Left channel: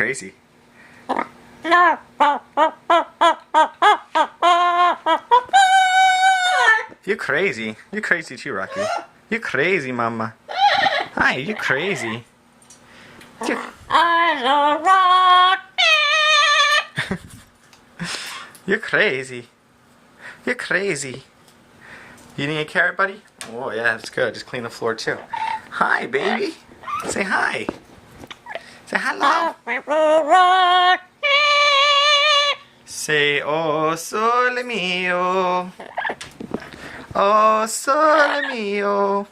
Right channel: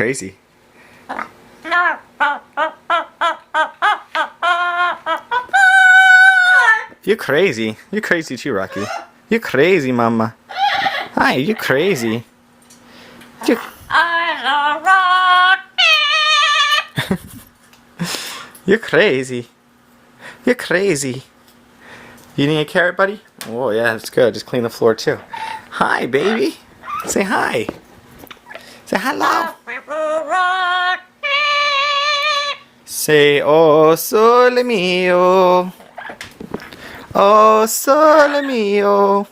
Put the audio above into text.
crazy. You're crazy. You're crazy too, Rocky. You're crazy, Mama. Hi, you're crazy. You're... You're crazy. You're crazy. You eating a carrot, buddy? Oh, yeah, that's good. Just clean the floor, too. Hi, baby. Say hi. Say hello. Say, oh, sole mio. Oh, sole mio.